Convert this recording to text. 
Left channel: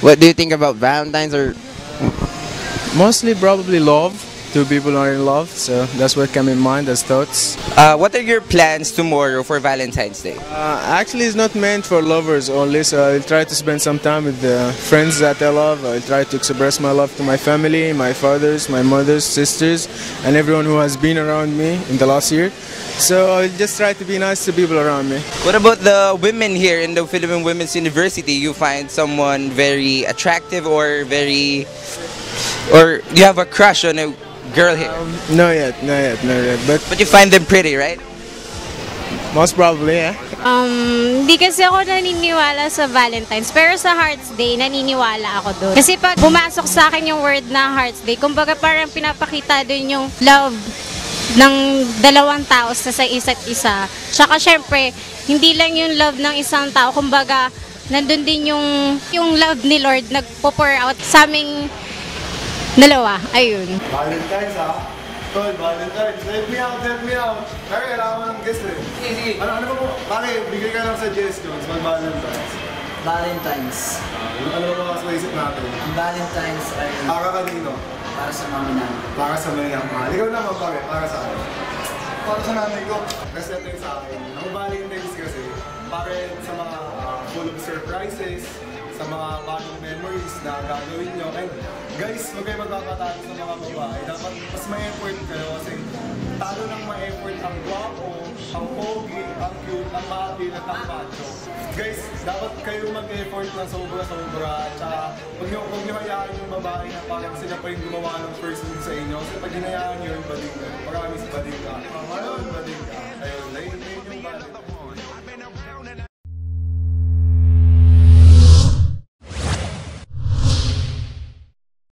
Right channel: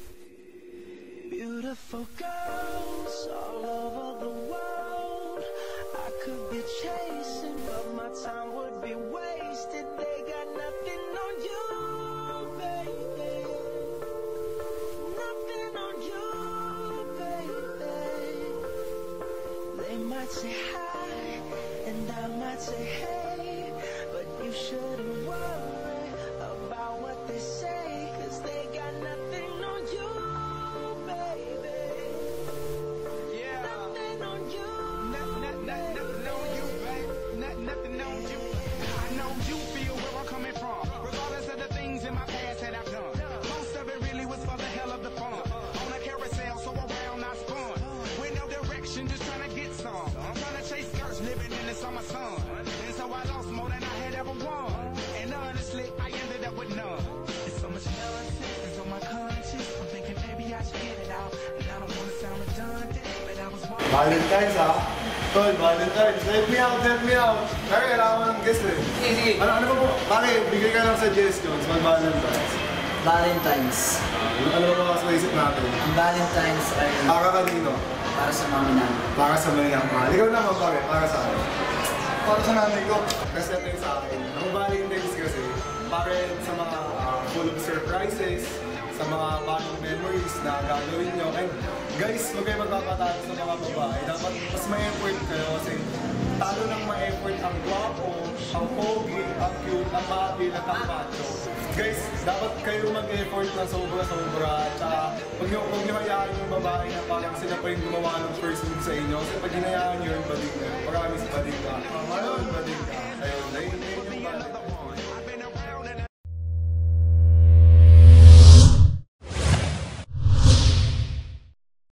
What do you think about Valentine's or? Mostly probably love. Two people are in love, so that's what came in mind as thoughts. What are your plans tomorrow for Valentine's Day? Actually, it's not meant for lovers only, so I'll try to spend some time with the friends that I love. I'll try to express my love to my family, my fathers, my mothers, sisters, and everyone who has been around me in the last year. So I'll just try to be nice to people around me. What about the women here in the Philippine Women's University? You find someone very attractive or you have a crush on a girl here? No yet. But But you find them pretty, right? most probably, yeah. Hindi kasi ako naniniwala sa Valentine's, pero sa Hearts Day, naniniwala ako doon. Kasi pag pumasok sa akin yung word na Hearts Day, kumbaga parang pinapakita doon yung love ng dalawang tao sa isa't isa. Tsaka syempre, hindi lang yung love ng isang tao, kumbaga nandun din yung love ni Lord nagpo-pour out sa aming dalawa. Ayun. Valentine's Tol, Valentine's. Help me out. Kaya kailangan ko ng guest eh. Sige. Ano ba po? Bakit? Bigay ka ng suggestions mag-Valentine's. Valentine's. Ano ba mga sa isip natin? Ang Valentine's ay Para kanino? para sa mami namin. Para sa mga mahal. Ikaw naman bakit? Para sa akin. Para sa nanay ko. Kasi ito yung sa akin. Ang Valentine's kasi, para sa mga full of surprises, sa mga bagong memories na gagawin nyo. And guys, huwag kayo magpapatalo sa mga babae. Dapat mas ma-effort kayo kasi talo ng ma-effort ang guwapo, ang pogi, ang cute, ang mabil at ang macho. Guys, dapat kayo mag-effort ng sobra-sobra at saka huwag nyo hayaan yung babae na parang sila pa yung gumawa ng first move sa inyo. Kasi pag hinayaan nyo yung bading ka, promise bading ka. Ayun, bading ka. Ayun, yung Valentine's.